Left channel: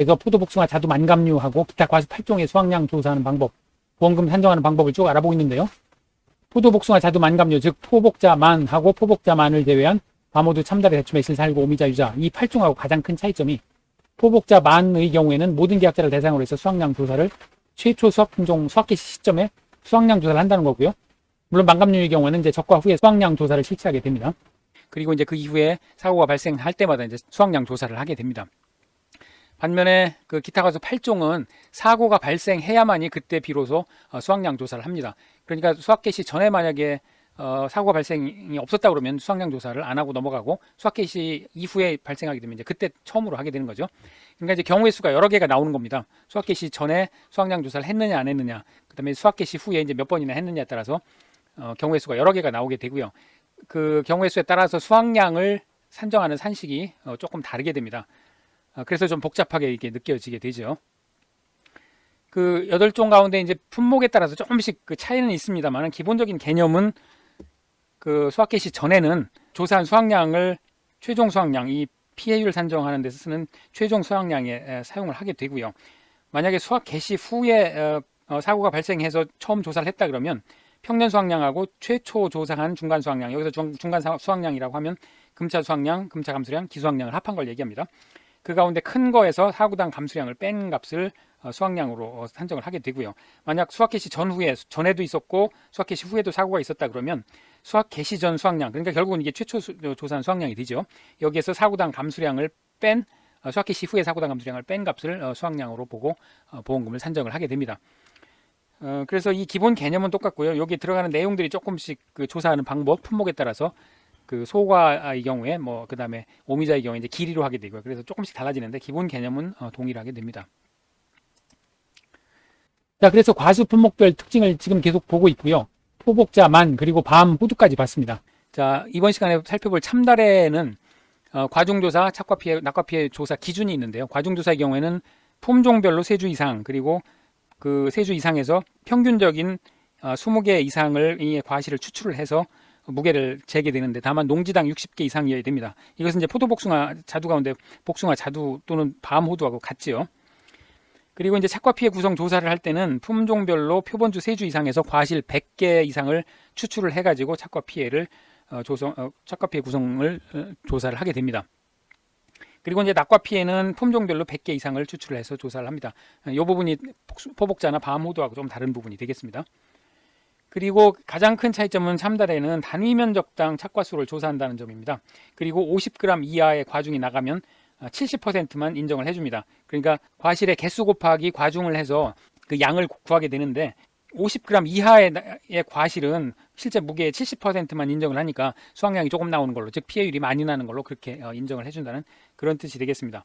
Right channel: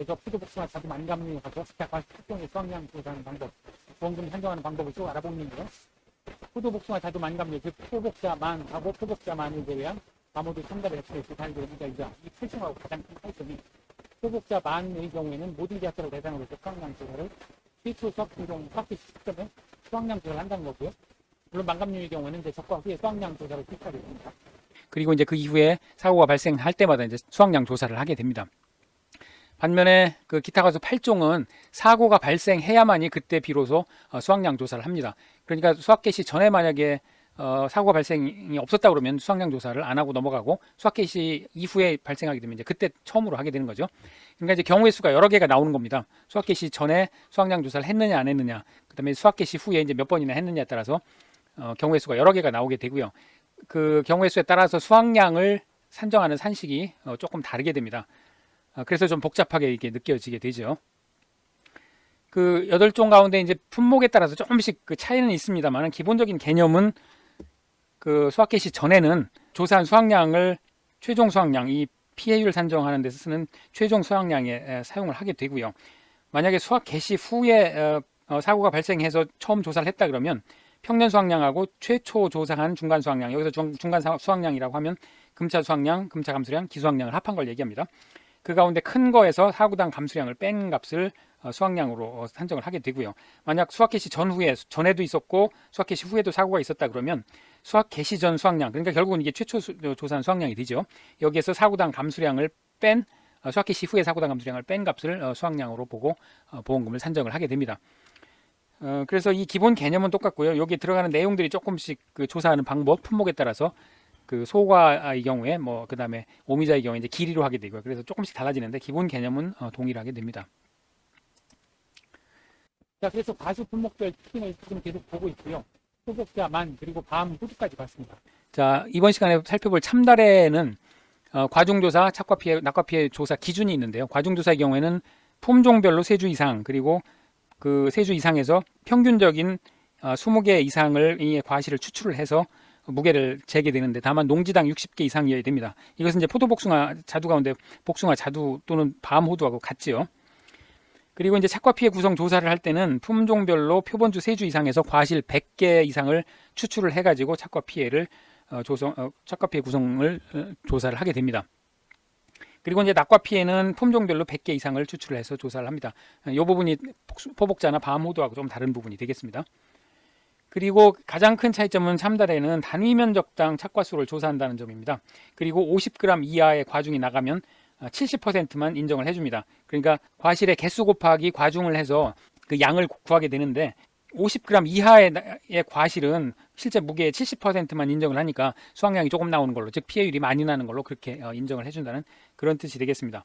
그래서 포도, 복숭아, 자두, 만감류하고 기타 과수 8종의 수확량 조사하는 방법, 보험금 산정하는 방법을 쭉 알아보고 있는데요. 포도, 복숭아, 자두, 만감류, 즉 포복자, 만하고 포복자, 만을 제외한 과모두, 참다래, 대추, 매실, 살구, 오미자, 유자 이 8종하고 가장 큰 차이점이 포복자, 만의 경우에는 모든 계약자를 대상으로 해서 수확량 조사를 최초 수확 품종 수확 개시 시점에 수확량 조사를 한다는 거고요. 물론 만감류의 경우에는 이제 적과 후에 수확량 조사를 실시하게 됩니다. 그리고 이제 그 이후에 사고가 발생할 때마다 이제 수확량 조사를 하게 됩니다. 반면에 그 기타 과수 8종은 사고가 발생해야만이 그때 비로소 수확량 조사를 합니다. 그러니까 수확 개시 전에 만약에 사고가 발생이 없었다 그러면 수확량 조사를 안 하고 넘어가고 수확 개시 이후에 발생하게 되면 이제 그때 처음으로 하게 되는 거죠. 그러니까 이제 경우의 수가 여러 개가 나오는 겁니다. 수확 개시 전에 수확량 조사를 했느냐 안 했느냐, 그다음에 수확 개시 후에 이제 몇 번이나 했느냐에 따라서 경우의 수가 여러 개가 나오게 되고요. 그 경우의 수에 따라서 수확량을 산정하는 산식이 조금 다르게 됩니다. 그래서 좀 복잡하게 이렇게 느껴지게 되죠. 그 8종 가운데 이제 품목에 따라서 조금씩 그 차이는 있습니다만 기본적인 개념은 그 수확 개시 전에는 조사한 수확량을 최종 수확량, 이 PA율 산정하는 데서 쓰는 최종 수확량에 사용을 하게 되고요. 만약에 수확 개시 후에 사고가 발생해서 처음 조사를 했다 그러면 평년 수확량하고 최초 조사한 중간 수확량, 여기서 중간 수확량이라고 하면 금차 수확량, 금차 감수량, 기수확량을 합한 걸 얘기합니다. 그 가운데 큰 거에서 사구당 감수량을 뺀 값을 수확량으로 산정을 하게 되고요. 만약 수확 개시 전에도 있었고 수확 개시 후에도 사고가 있었다 그러면 수확 개시 전 수확량, 그러니까 결국은 이게 최초 조사한 수확량이 되죠. 여기에서 사구당 감수량을 뺀 수확 개시 후에 사구당 감수량을 뺀 값을 수확량으로 보고 보험금을 산정을 하게 됩니다. 그래서 이 기본 개념은 똑같고요. 여기 들어가는 내용들이 조금씩 그 조사하는 방법, 품목에 따라서 그 소과의 경우에 그 다음에 오미자의 경우에 이제 길이로 하게 되고요. 그래서 조금씩 달라지는데 기본 개념은 동일하게 됩니다. 자, 그래서 과수 품목별 특징을 지금 계속 보고 있고요. 포복자, 만, 그리고 밤, 호두까지 봤습니다. 자, 이번 시간에 살펴볼 참다래는 과중조사, 착과피해, 낙과피해 조사 기준이 있는데요. 과중조사의 경우에는 품종별로 3주 이상, 그리고 그 3주 이상에서 평균적인 20개 이상을 이 과실을 추출을 해서 무게를 재게 되는데 다만 농지당 60개 이상이어야 됩니다. 이것은 이제 포도복숭아 자두 가운데 복숭아 자두 또는 밤 호두하고 같지요. 그리고 이제 착과피해 구성 조사를 할 때는 품종별로 표본주 3주 이상에서 과실 100개 이상을 추출을 해가지고 착과피해를 착과피해 구성을 조사를 하게 됩니다. 그리고 이제 낙과피해는 품종별로 100개 이상을 추출해서 조사를 합니다. 이 부분이 포복자나 밤 호두하고 좀 다른 부분이 되겠습니다. 그리고 가장 큰 차이점은 참다래는 단위 면적당 착과수를 조사한다는 점입니다. 그리고 50g 이하의 과중이 나가면 70%만 인정을 해줍니다. 그러니까 과실의 개수 곱하기 과중을 해서 그 양을 구하게 되는데 50g 이하의 과실은 실제 무게의 70%만 인정을 하니까 수확량이 조금 나오는 걸로, 즉 피해율이 많이 나는 걸로 그렇게 인정을 해준다는 그런 뜻이 되겠습니다.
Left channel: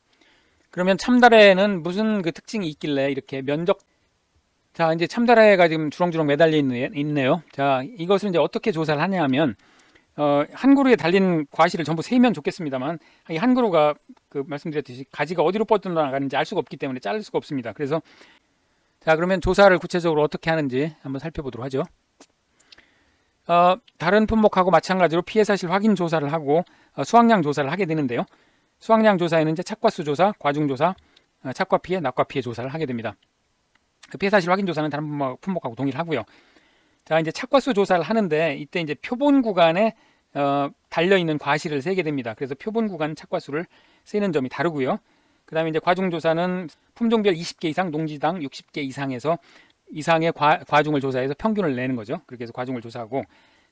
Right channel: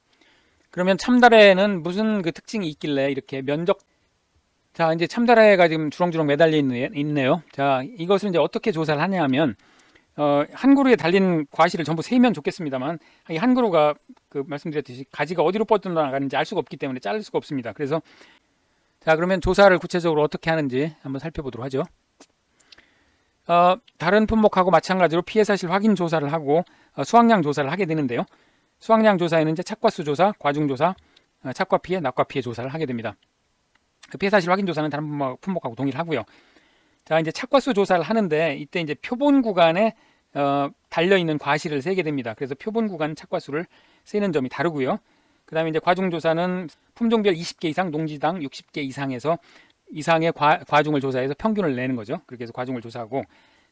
그러면 참다래는 무슨 그 특징이 있길래 이렇게 면적, 자, 이제 참다래가 지금 주렁주렁 매달려 있네요. 자, 이것을 이제 어떻게 조사를 하냐 하면, 한 그루에 달린 과실을 전부 세면 좋겠습니다만, 이 한 그루가 그 말씀드렸듯이 가지가 어디로 뻗어나가는지 알 수가 없기 때문에 자를 수가 없습니다. 그래서, 자, 그러면 조사를 구체적으로 어떻게 하는지 한번 살펴보도록 하죠. 다른 품목하고 마찬가지로 피해 사실 확인 조사를 하고, 수확량 조사를 하게 되는데요. 수확량 조사에는 이제 착과수 조사, 과중 조사, 착과 피해, 낙과 피해 조사를 하게 됩니다. 그 피해 사실 확인 조사는 다른 품목하고 동일하고요. 자, 이제 착과수 조사를 하는데 이때 이제 표본 구간에 달려 있는 과실을 세게 됩니다. 그래서 표본 구간 착과수를 세는 점이 다르고요. 그다음에 이제 과중 조사는 품종별 20개 이상, 농지당 60개 이상의 과중을 조사해서 평균을 내는 거죠. 그렇게 해서 과중을 조사하고,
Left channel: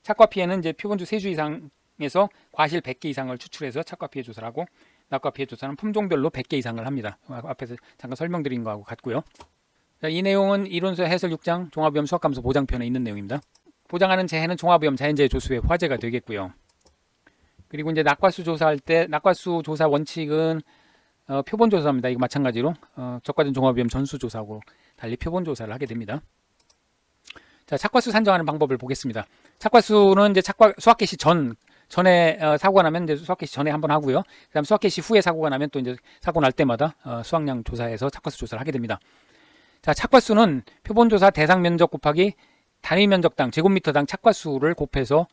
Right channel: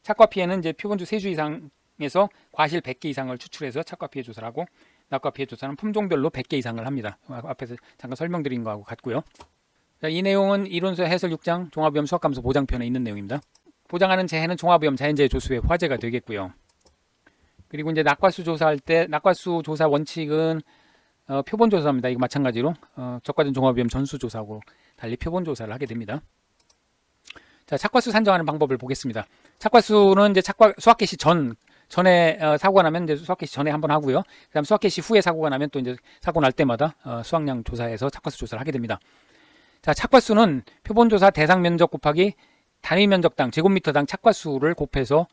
착과 피해는 이제 표본주 3주 이상에서 과실 100개 이상을 추출해서 착과 피해 조사를 하고, 낙과 피해 조사는 품종별로 100개 이상을 합니다. 옆에서 잠깐 설명드린 거하고 같고요. 자, 이 내용은 이론서 해설 6장 종합위험 수학감소 보장편에 있는 내용입니다. 보장하는 재해는 종합위험 자연재해 조수의 화제가 되겠고요. 그리고 이제 낙과수 조사할 때 낙과수 조사 원칙은 표본 조사입니다. 이거 마찬가지로 적과전 종합위험 전수 조사하고 달리 표본 조사를 하게 됩니다. 자, 착과수 산정하는 방법을 보겠습니다. 착과수는 이제 수확 개시 전에 사고가 나면 이제 수확 개시 전에 한번 하고요. 그다음 수확 개시 후에 사고가 나면 또 이제 사고 날 때마다 수확량 조사해서 착과수 조사를 하게 됩니다. 자, 착과수는 표본조사 대상 면적 곱하기 단위 면적당 제곱미터당 착과수를 곱해서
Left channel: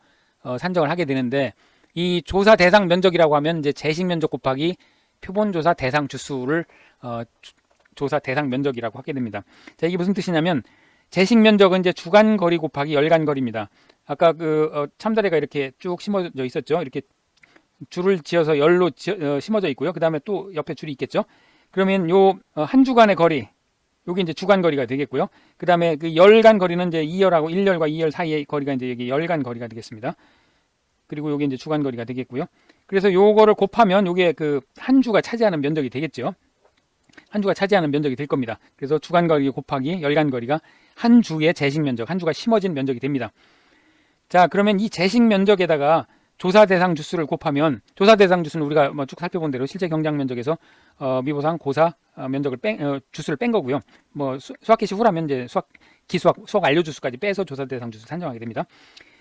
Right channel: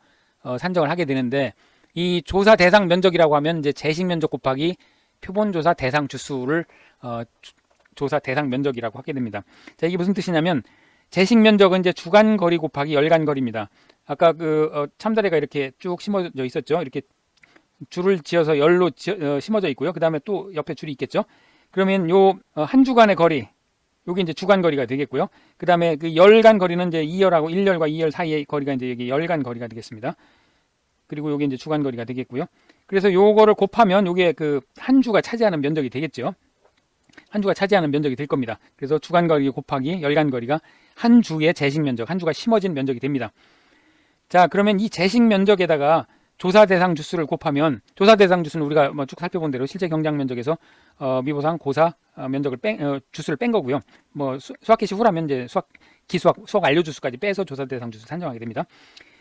산정을 하게 되는데, 이 조사 대상 면적이라고 하면 이제 제식 면적 곱하기 표본조사 대상 주수를 조사 대상 면적이라고 하게 됩니다. 자, 이게 무슨 뜻이냐면 재식 면적은 이제 주간 거리 곱하기 열간 거리입니다. 아까 참다리가 이렇게 쭉 심어져 있었죠. 이렇게 줄을 지어서 열로 심어져 있고요. 그 다음에 또 옆에 줄이 있겠죠. 그러면 요 한 주간의 거리, 요게 이제 주간 거리가 되겠고요. 그 다음에 그 열간 거리는 이제 2열하고 1열과 2열 사이의 거리가 이제 여기 열간 거리가 되겠습니다. 그리고 요게 이제 주간 거리가 되겠고요. 그래서 요거를 곱하면 요게 그 한 주가 차지하는 면적이 되겠죠. 한 주가 차지하는 면적이 될 겁니다. 그래서 주간 거리 곱하기 열간 거리가 한 주의 재식 면적, 한 주가 심어진 면적이 됩니다. 자, 그러면 이 재식 면적에다가 조사 대상 주수를 곱하면, 조사 대상 주수는 우리가 뭐 쭉 살펴본 대로 실제 경작 면적에서 미보상 고사 면적을 주수를 뺀 거고요. 뭐 수학 개시 후라면 이제 수학 완료 주수까지 빼서 조사 대상 주수 산정하게 됩니다.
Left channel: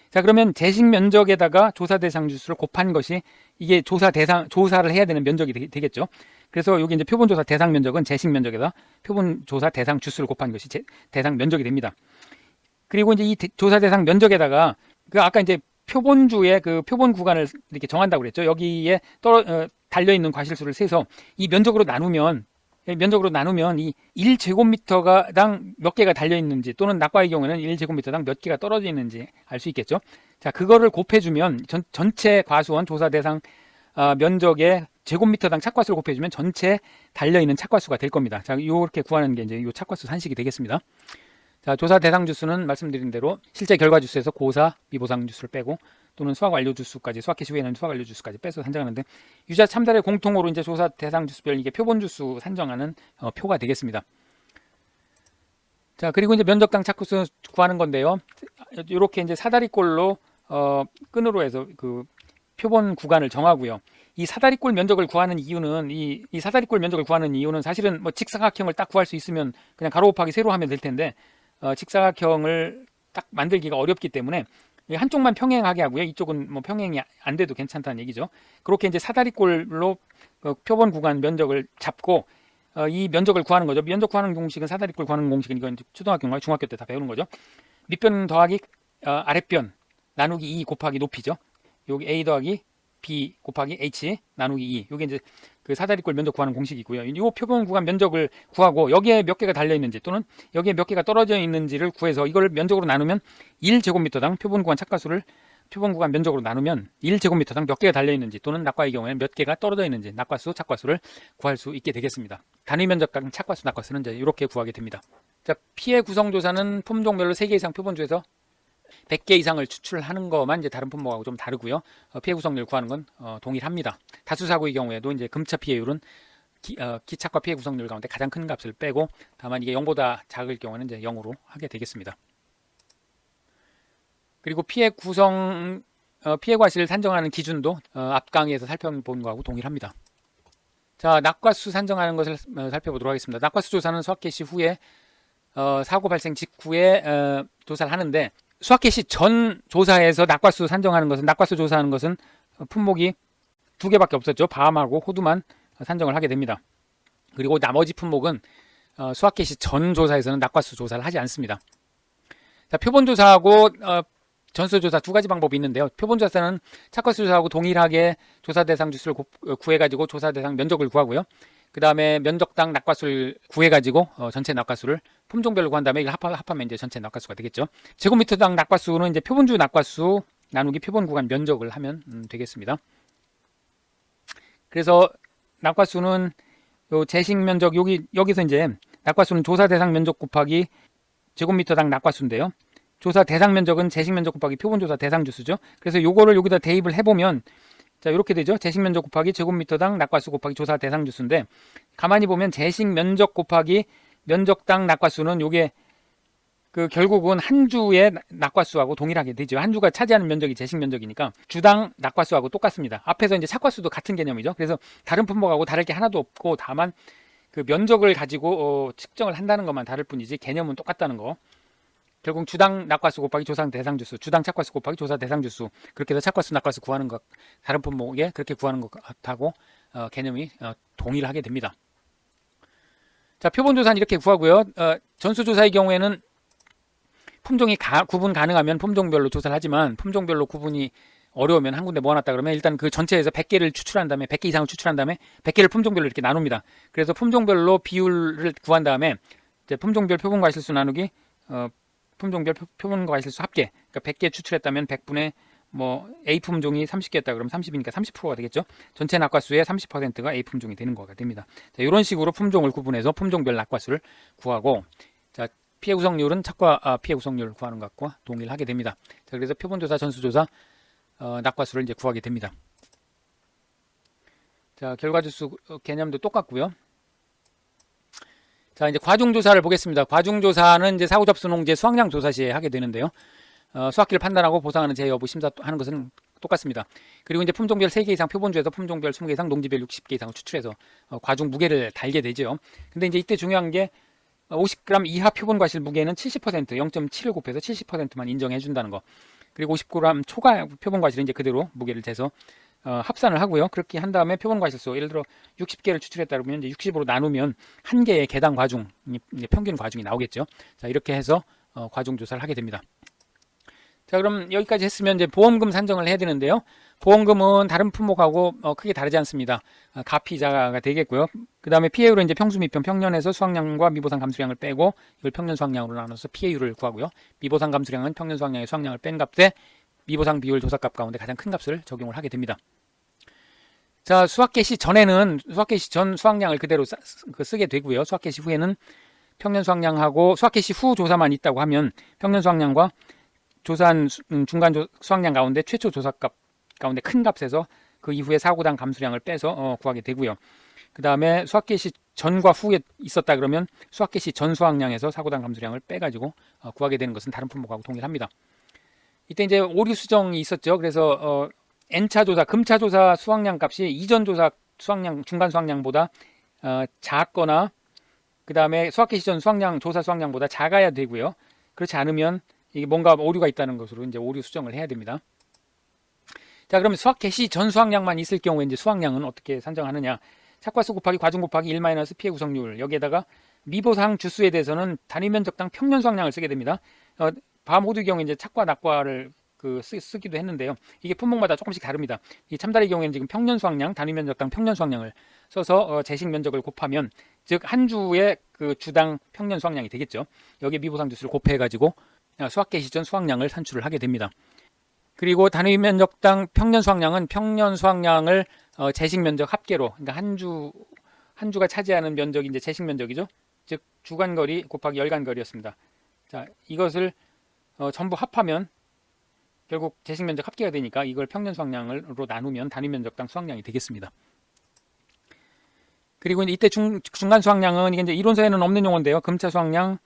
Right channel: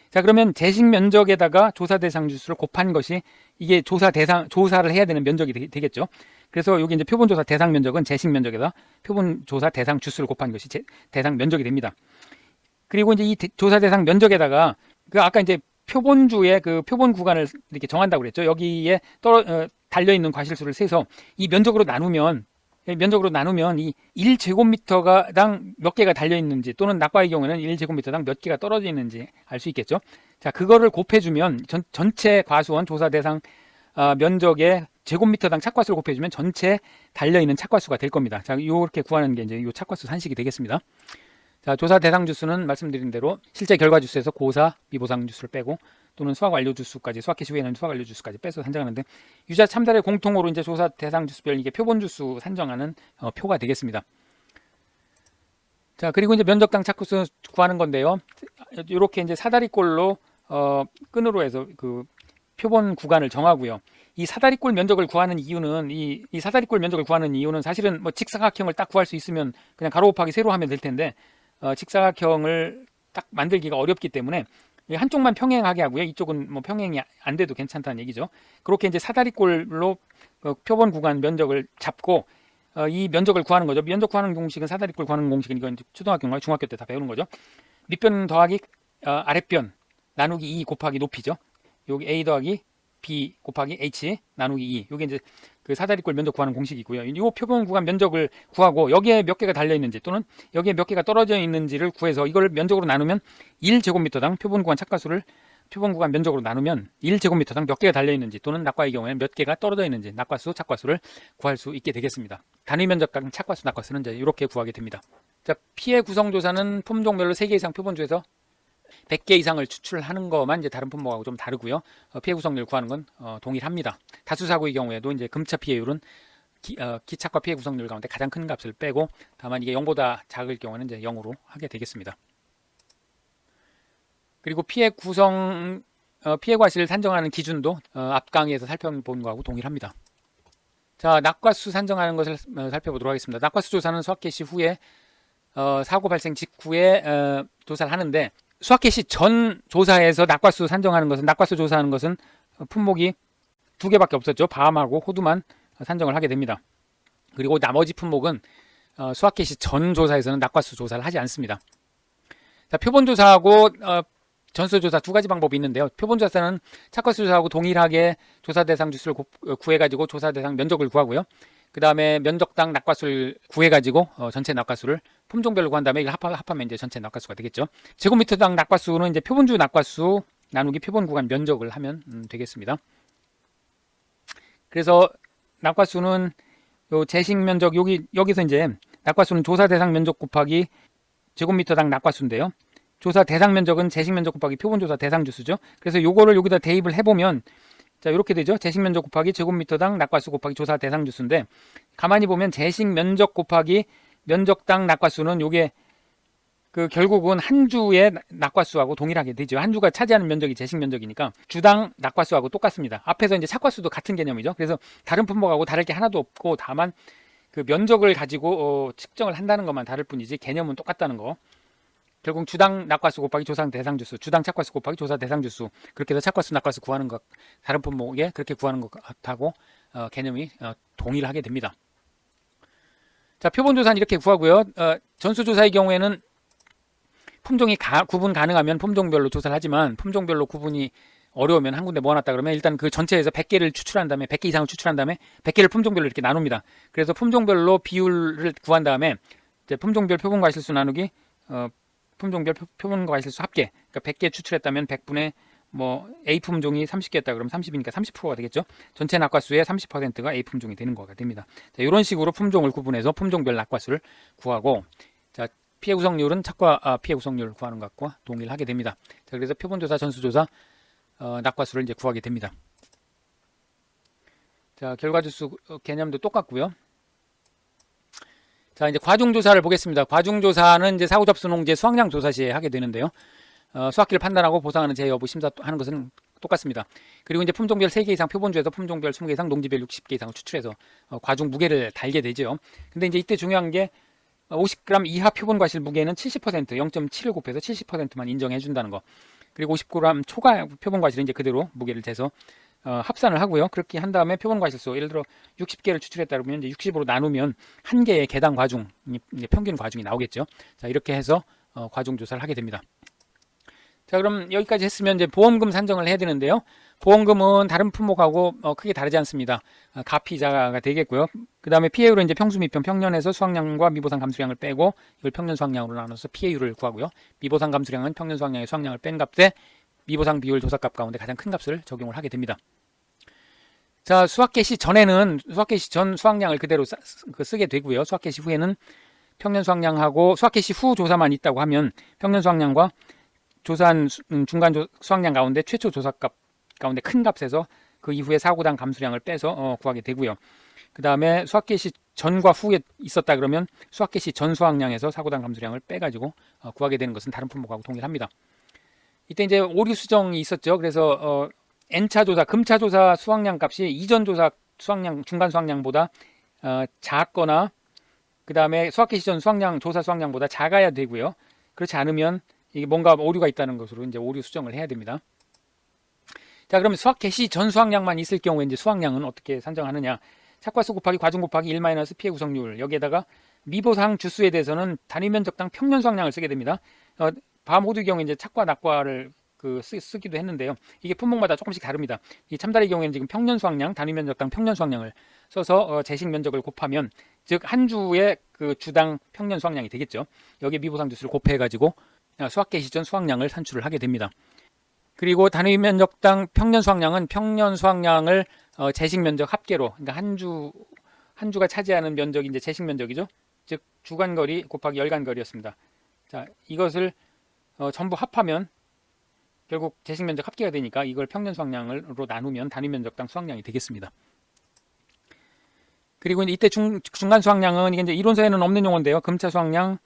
자, 그러면 재식 면적에다가 조사 대상 주수를 곱한 것이 이게 조사를 해야 되는 면적이 되겠죠. 그래서 여기 이제 표본 조사 대상 면적은 재식 면적에다 표본 조사 대상 주수를 곱한 것이 대상 면적이 됩니다. 그리고 이제 이 조사 대상 면적에다가 아까 이제 표본주의 그 표본 구간을 이렇게 정한다고 그랬죠. 여기에 달려있는 과실수를 세서 이 면적으로 나누면 이 1제곱미터당 몇 개가 달려있는지, 또는 낙과의 경우에는 1제곱미터당 몇 개가 떨어져 있는지 알 수 있겠죠. 자, 그거를 곱해주면 전체 과수원 조사 대상 면적의 제곱미터당 착과수를 곱해주면 전체 달려있는 착과수가 될 겁니다. 자, 이렇게 구하는 게 이제 이 착과수 산식이 되겠습니다. 자, 조사 대상 주수는 말씀드린 대로 실제 결과 주수에서 고사, 미보상 주수를 빼고, 또는 수학 완료 주수까지, 수학 개시 후에는 수학 완료 주수까지 빼서 산정하는데, 유자 참달의 공통으로 이제 조사 대상 주수별 이게 표본 주수 산정하는 표가 되겠습니다. 자, 그리고 이제 면적당 착구수 구하는 건데요. 이렇게 이제 사다리꼴로 끈으로 해서 그 표본 구간을 정하고요. 이 사다리꼴 면적을 구하는 이유는 이 사다리꼴 면적을 구하는 이유는 사실은 뭐 직사각형을 딱 구할 수 있으면 그냥 가로 곱하기 세로 하면 될 텐데, 직사각형을 딱 만들기가 어렵기 때문에 한쪽만 평행하게 하고요. 이쪽은 뭐 평행이 안 돼도 괜찮다는 얘기죠. 그렇게 이제 사다리꼴로 표본 구간 면적을 잡고 이 면적을 구하는 거죠. 면적 구하는 공식은 사다리꼴 구하는 공식은 이건 초등학교나 중학교 때 다 배우는 거죠. 밑변 더하기 아랫변 나누기 2 곱하기 높이죠. 여기 A 더하기 B 곱하기 H 나누기 2. 이게 이제 그 사다리꼴 면적 구하는 공식이고요. 이 표본 구간 면적을 구하고 여기에 몇 개가 달려 있는지, 또는 여기에 몇 개가 떨어져 있는지를 구해서 이걸 면적으로 나누면 1제곱미터당 표본 구간 착과수를 표본 구간 면적으로 나누면 1제곱미터당 몇 개가 달려 있는지, 또는 낙과의 경우에는 몇 개가 떨어져 있는지 낙과수, 착과수를 구할 수 있게 되겠습니다. 단위 면적당 착과수, 낙과수는 이제 이렇게 구하게 됩니다. 자, 피해 구성 조사는 품종별로 3개 이상 표본주에서 100개 이상을 추출하는 것만 이제 다른 품목하고 좀 다르고요. 피해 구성률 구하는 건 동일합니다. 다수사고의 경우에도 이제 금차 피해율은 기착과 피해 구성률 가운데 가장 큰 값을 빼고, 다만 이게 0보다 작을 경우는 이제 0으로 하게 되겠습니다. 그리고 피해 과실 산정하는 기준도 앞 강의에서 살펴본 거하고 동일합니다. 자, 낙과수 산정하는 것을 살펴보도록 하겠습니다. 낙과수 조사는 수학 개시 후에 사고 발생 직후에 조사를 하는데, 수학 개시 전 조사에서 낙과수 산정하는 것은, 낙과수 조사하는 것은 품목이 2개밖에 없었죠. 밤하고 호두만 산정을 하게 됩니다. 그리고 나머지 품목은 수학 개시 전 조사에서는 낙과수 조사를 하지 않습니다. 자, 표본 조사하고 전수 조사 2가지 방법이 있는데요. 표본 조사는 착과수 조사하고 동일하게 조사 대상 주수를 구해가지고 조사 대상 면적을 구하고요. 그 다음에 면적당 낙과수를 구해가지고 전체 낙과수를 품종별로 구한 다음에 이걸 합하면 이제 전체 낙과수가 되겠죠. 제곱미터당 낙과수는 이제 표본주 낙과수 나누기 표본 구간 면적을 하면 되겠습니다. 그래서 낙과수는 요 재식 면적, 여기서 이제 낙과수는 조사 대상 면적 곱하기 제곱미터당 낙과수인데요. 조사 대상 면적은 재식 면적 곱하기 표본 조사 대상 주수죠. 그래서 요거를 여기다 대입을 해보면, 자, 이렇게 되죠. 재식 면적 곱하기 제곱미터당 낙과수 곱하기 조사 대상 주수인데, 가만히 보면 재식 면적 곱하기 면적당 낙과수는 요게 결국은 한 주의 낙과수하고 동일하게 되죠. 한 주가 차지하는 면적이 재식 면적이니까 주당 낙과수하고 똑같습니다. 앞에서 이제 착과수도 같은 개념이죠. 그래서 다른 품목하고 다를 게 하나도 없고, 다만 그 면적을 가지고 측정을 한다는 것만 다를 뿐이지 개념은 똑같다는 거. 결국 주당 낙과수 곱하기 조사 대상 주수, 주당 착과수 곱하기 조사 대상 주수, 그렇게 해서 착과수 낙과수 구하는 것, 다른 품목에 그렇게 구하는 것하고 개념이 동일하게 됩니다. 자, 표본조사는 이렇게 구하고요. 전수조사의 경우에는 품종이 구분 가능하면 품종별로 조사를 하지만 품종별로 구분이 어려우면 한 군데 모아놨다 그러면 일단 그 전체에서 100개를 추출한 다음에 100개 이상을 추출한 다음에 100개를 품종별로 이렇게 나눕니다. 그래서 품종별로 비율을 구한 다음에 이제 품종별 표본과실수 나누기 품종별 표본과실수 합계, 그러니까 100개 추출했다면 100분의 뭐 A 품종이 30개였다 그러면 30이니까 30%가 되겠죠. 전체 낙과수의 30%가 A 품종이 되는 거가 됩니다. 자, 이런 식으로 품종을 구분해서 품종별 낙과수를 구하고, 자, 피해 구성률은 착과 피해 구성률을 구하는 것과 동일하게 됩니다. 자, 그래서 표본조사, 전수조사 낙과수를 이제 구하게 됩니다. 자, 결과주수 개념도 똑같고요. 자, 이제 과중조사를 보겠습니다. 과중조사는 이제 사후 접수 농지 수확량 조사 시에 하게 되는데요. 수확기를 판단하고 보상하는 제 여부 심사하는 것은 똑같습니다. 그리고 이제 품종별 3개 이상 표본주에서 품종별 20개 이상 농지별 60개 이상을 추출해서 과중 무게를 달게 되죠. 근데 이제 이때 중요한 게 50g 이하 표본 과실 무게는 70%, 0.7을 곱해서 70%만 인정해 준다는 거. 그리고 50g 초과 표본 과실은 이제 그대로 무게를 재서 합산을 하고요. 그렇게 한 다음에 표본 과실수, 예를 들어 60개를 추출했다 그러면 이제 60으로 나누면 한 개의 개당 과중, 이제 평균 과중이 나오겠죠. 자, 이렇게 해서 과중 조사를 하게 됩니다. 자, 그럼 여기까지 했으면 이제 보험금 산정을 해야 되는데요. 보험금은 다른 품목하고 크게 다르지 않습니다. 가피자가 되겠고요. 그 다음에 피해율은 이제 평수 미평, 평년에서 수확량과 미보상 감수량을 빼고 이걸 평년 수확량으로 나눠서 피해율을 구하고요. 미보상 감수량은 평년 수확량의 수확량을 뺀 값에 미보상 비율 조사값 가운데 가장 큰 값을 적용을 하게 됩니다. 자, 수확 개시 전에는 수확 개시 전 수확량을 그대로 쓰게 되고요. 수확 개시 후에는 평년 수확량하고 수확 개시 후 조사만 있다고 하면 평년 수확량과 조사한 중간 수확량 가운데 최초 조사값 가운데 큰 값에서 그 이후에 사고당 감수량을 빼서 구하게 되고요. 그 다음에 수확 개시 전과 후에 있었다 그러면 수확 개시 전 수확량에서 사고당 감수량을 빼가지고 구하게 되는 것은 다른 품목하고 동일합니다. 이때 이제 오류 수정이 있었죠. 그래서 N차 조사, 금차 조사 수확량 값이 이전 조사 수확량, 중간 수확량보다 작거나 그 다음에 수확 개시 전 수확량, 조사 수확량보다 작아야 되고요. 그렇지 않으면 이게 뭔가 오류가 있다는 것으로 이제 오류 수정을 해야 됩니다. 자, 그럼 수확 개시 전 수확량만 있을 경우에 이제 수확량은 어떻게 산정하느냐? 착과수 곱하기 과중 곱하기 1 마이너스 피해 구성률, 여기에다가 미보상 주수에 대해서는 단위 면적당 평년 수확량을 쓰게 됩니다. 바모드의 경우 이제 착과 낙과를 쓰기도 했는데요. 이게 품목마다 조금씩 다릅니다. 이 참다리의 경우에는 지금 평년 수확량, 단위 면적당 평년 수확량을 써서 재식 면적을 곱하면 즉 한 주의 그 주당 평년 수확량이 되겠죠. 여기에 미보상 주수를 곱해가지고 수확 개시 전 수확량을 산출을 하게 됩니다. 그리고 단위 면적당 평년 수확량은 평년 수확량을 재식 면적 합계로, 그러니까 한 주가 차지하는 면적이 이제 재식 면적이죠. 즉 주간거리 곱하기 열간거리였습니다. 자, 이것을 전부 합하면 결국 재식 면적 합계가 되니까 이걸 평년 수확량으로 나누면 단위 면적당 수확량이 되겠습니다. 그리고 이때 중간 수확량은 이게 이제 이론서에는 없는 용어인데요. 금차 수확량,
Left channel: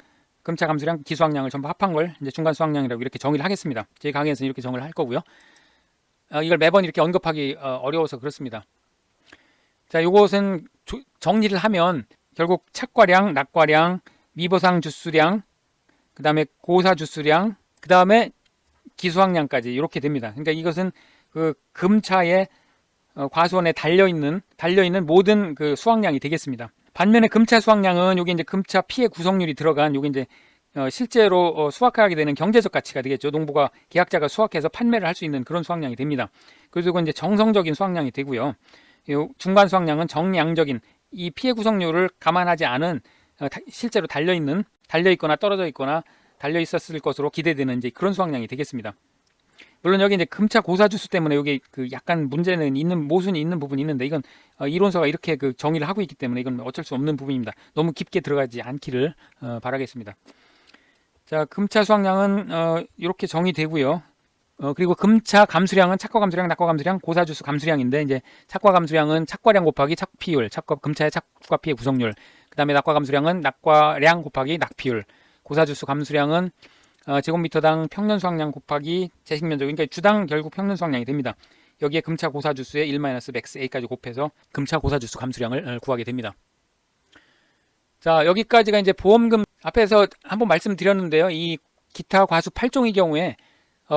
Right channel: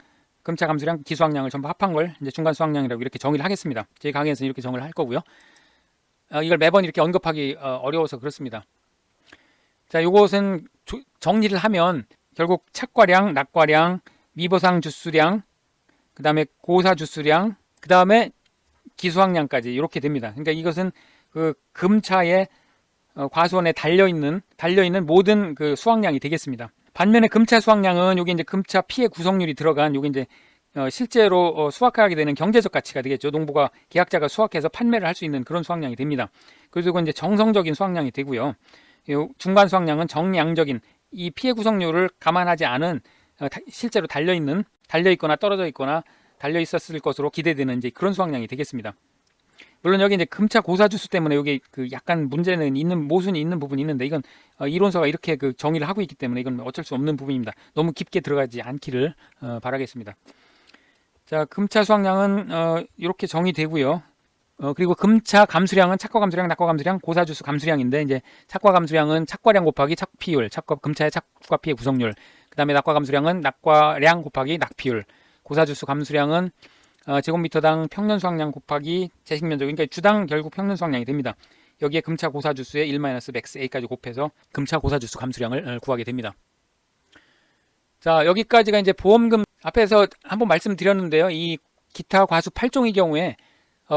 감차 감수량, 기수확량을 전부 합한 걸 중간 수확량이라고 이렇게 정의를 하겠습니다. 제 강의에서 이렇게 정의를 할 거고요. 이걸 매번 이렇게 언급하기 어려워서 그렇습니다. 자, 이것은 정리를 하면 결국 착과량, 낙과량, 미보상 주수량, 그 다음에 고사 주수량, 그 다음에 기수확량까지 이렇게 됩니다. 그러니까 이것은 그 금차의 과수원에 달려있는 모든 그 수확량이 되겠습니다. 반면에 금차 수확량은 여기 이제 금차 피해 구성률이 들어간 요게 이제 실제로 수확하게 되는 경제적 가치가 되겠죠. 농부가 계약자가 수확해서 판매를 할 수 있는 그런 수확량이 됩니다. 그리고 이제 정성적인 수확량이 되고요. 중간 수확량은 정량적인 이 피해 구성률을 감안하지 않은 실제로 달려있거나 떨어져 있거나 달려있었을 것으로 기대되는 이제 그런 수확량이 되겠습니다. 물론 여기 이제 금차 고사 주수 때문에 여기 약간 문제는 있는, 모순이 있는 부분이 있는데 이건 이론서가 이렇게 정의를 하고 있기 때문에 이건 어쩔 수 없는 부분입니다. 너무 깊게 들어가지 않기를 바라겠습니다. 자, 금차 수확량은 이렇게 정의되고요. 그리고 금차 감수량은 착과 감수량, 낙과 감수량, 고사 주수 감수량인데 이제 착과 감수량은 착과량 곱하기 착피율, 금차의 착과 피해 구성률. 그다음에 낙과 감수량은 낙과량 곱하기 낙피율. 고사 주수 감수량은 제곱미터당 평년 수확량 곱하기 재식 면적, 그러니까 주당 결국 평년 수확량이 됩니다. 여기에 금차 고사 주수의 1-max a까지 곱해서 금차 고사 주수 감수량을 구하게 됩니다. 자, 여기까지가 이제 보험금, 앞에서 한번 말씀드렸는데요. 이 기타 과수 8종의 경우에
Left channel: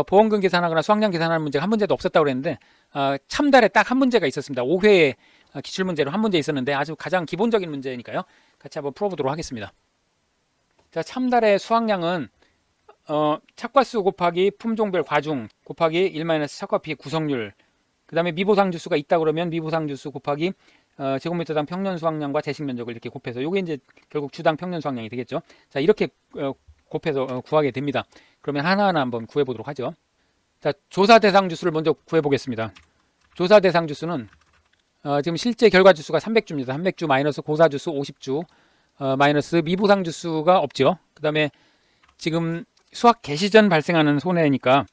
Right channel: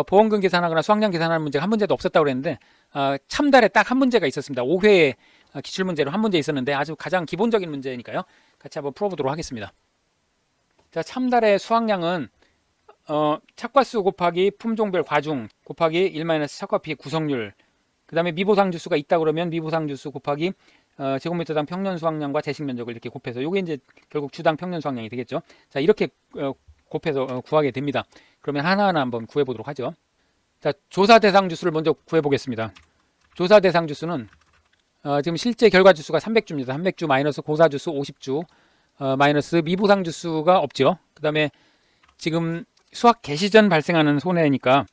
보험금 계산하거나 수확량 계산하는 문제가 한 문제도 없었다고 그랬는데 참달에 딱 한 문제가 있었습니다. 5회 기출문제로 한 문제 있었는데 아주 가장 기본적인 문제니까요. 같이 한번 풀어보도록 하겠습니다. 자, 참달의 수확량은 착과수 곱하기 품종별 과중 곱하기 1 착과피의 구성률, 그 다음에 미보상 주수가 있다 그러면 미보상 주수 곱하기 제곱미터당 평년 수확량과 재식 면적을 이렇게 곱해서 요게 이제 결국 주당 평년 수확량이 되겠죠. 자, 이렇게 곱해서 구하게 됩니다. 그러면 하나하나 한번 구해 보도록 하죠. 자, 조사 대상 주수를 먼저 구해 보겠습니다. 조사 대상 주수는 지금 실제 결과 주수가 300주입니다. 300주 마이너스 고사 주수 50주 마이너스 미보상 주수가 없죠. 그 다음에 지금 수확 개시 전 발생하는 손해니까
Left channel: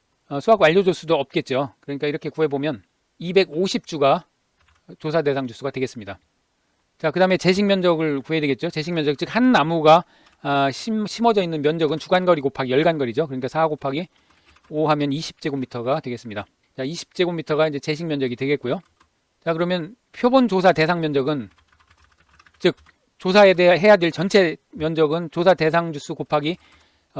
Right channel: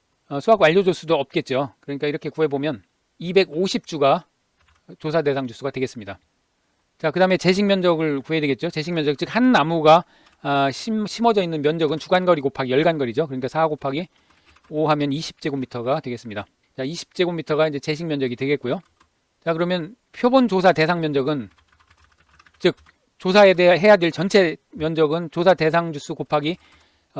수확 완료 주수도 없겠죠. 그러니까 이렇게 구해보면 250주가 조사 대상 주수가 되겠습니다. 자, 그 다음에 재식 면적을 구해야 되겠죠. 재식 면적, 즉 한 나무가 심어져 있는 면적은 주간거리 곱하기 열간거리죠. 그러니까 4 곱하기 5 하면 20제곱미터가 되겠습니다. 자, 20제곱미터가 이제 재식 면적이 되겠고요. 자, 그러면 표본 조사 대상 면적은, 즉 조사에 대해 해야 될 전체 면적은 조사 대상 주수 곱하기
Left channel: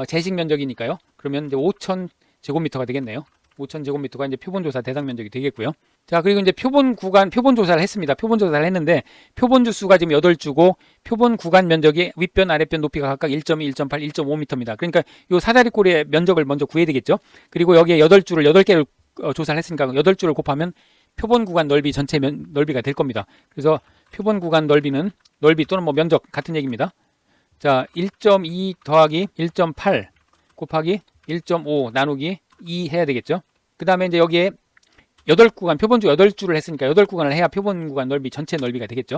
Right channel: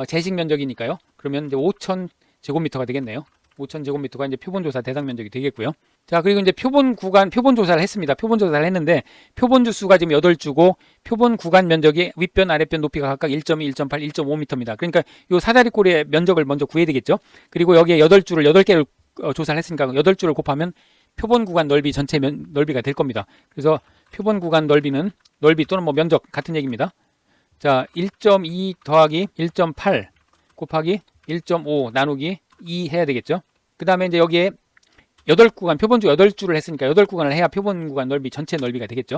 재식 면적이니까요. 그러면 이제 5,000제곱미터가 되겠네요. 5,000제곱미터가 이제 표본 조사 대상 면적이 되겠고요. 자, 그리고 이제 표본 구간 표본 조사를 했습니다. 표본 조사를 했는데 표본 주수가 지금 8주고 표본 구간 면적이 윗변 아랫변 높이가 각각 1.2, 1.8, 1.5m입니다. 그러니까 요 사다리꼴의 면적을 먼저 구해야 되겠죠. 그리고 여기에 8주를 8개를 조사를 했으니까 8주를 곱하면 표본 구간 넓이 전체 넓이가 될 겁니다. 그래서 표본 구간 넓이는 넓이 또는 뭐 면적 같은 얘기입니다. 자, 1.2 더하기 1.8 곱하기 1.5 나누기 2 해야 되겠죠. 그 다음에 이제 여기에 8구간, 표본주 8주를 했으니까 8구간을 해야 표본 구간 넓이 전체 넓이가 되겠죠.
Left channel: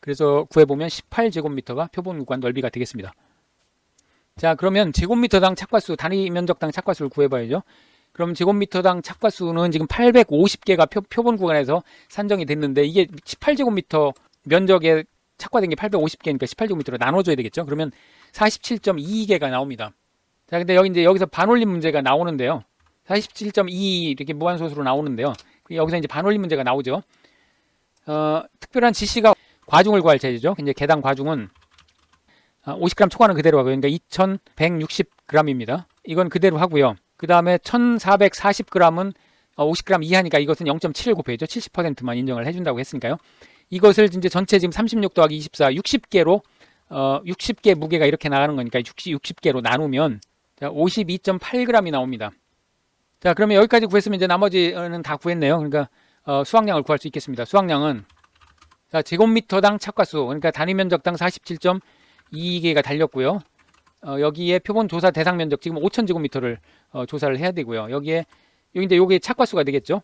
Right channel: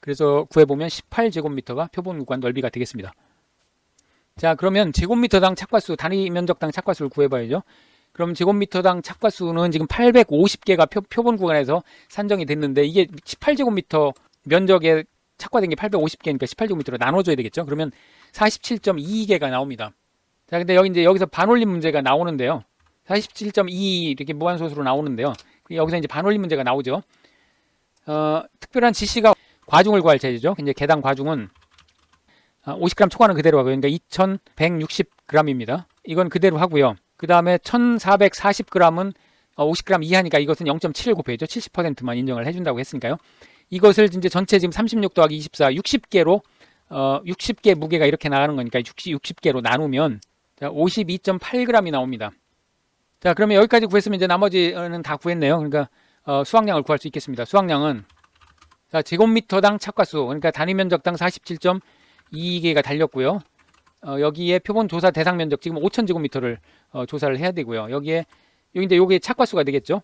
그래서 구해보면 18제곱미터가 표본 구간 넓이가 되겠습니다. 자, 그러면 제곱미터당 착과수, 단위 면적당 착과수를 구해봐야죠. 그럼 제곱미터당 착과수는 지금 850개가 표본 구간에서 산정이 됐는데 이게 18제곱미터 면적에 착과된 게 850개니까 18제곱미터로 나눠줘야 되겠죠. 그러면 47.22개가 나옵니다. 자, 근데 여기서 반올림 문제가 나오는데요. 47.2 이렇게 무한소수로 나오는데요. 여기서 이제 반올림 문제가 나오죠. 특별한 지시가 과중을 구할 차례죠. 이제 개당 과중은 50g 초과는 그대로 하고요. 그러니까 2160g입니다. 이건 그대로 하고요. 그 다음에 1440g은 50g 이하니까 이것은 0.7을 곱해야죠. 70%만 인정을 해준다고 했으니까요. 이것을 이제 전체 지금 36 더하기 24, 60개로 60개 무게가 이렇게 나가는 거니까 60개로 나누면 52.8g이 나옵니다. 자, 그러면 여기까지 구했으면 이제 나머지는 다 구했네요. 그러니까 수확량을 구할 수 있겠습니다. 수확량은 자, 제곱미터당 착과수, 그러니까 단위 면적당 47.22개가 달렸고요. 여기에 표본 조사 대상 면적 지금 5,000제곱미터를 조사를 해야 되고요. 여기에 이제 요게 착과수가 되겠죠.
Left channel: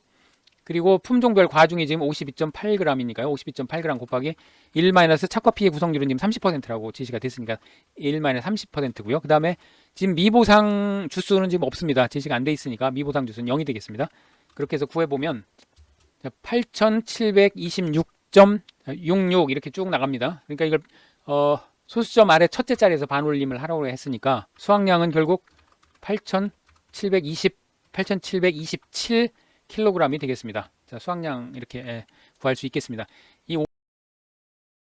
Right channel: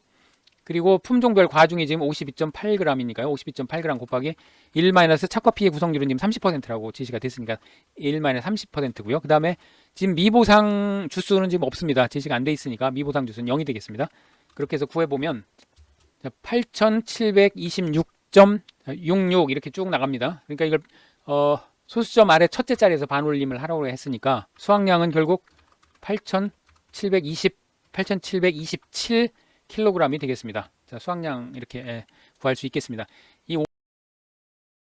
그리고 품종별 과중이 지금 52.8g이니까요. 52.8g 곱하기 1 착과피의 구성률은 지금 30%라고 지시가 됐으니까 1 30%고요. 그 다음에 지금 미보상 주수는 지금 없습니다. 지시가 안 돼 있으니까 미보상 주수는 0이 되겠습니다. 그렇게 해서 구해보면 8726.66 이렇게 쭉 나갑니다. 그러니까 이걸 소수점 아래 첫째 자리에서 반올림을 하라고 했으니까 수확량은 결국 8727kg이 되겠습니다. 자, 수확량 이렇게 구할 수 있겠습니다. 이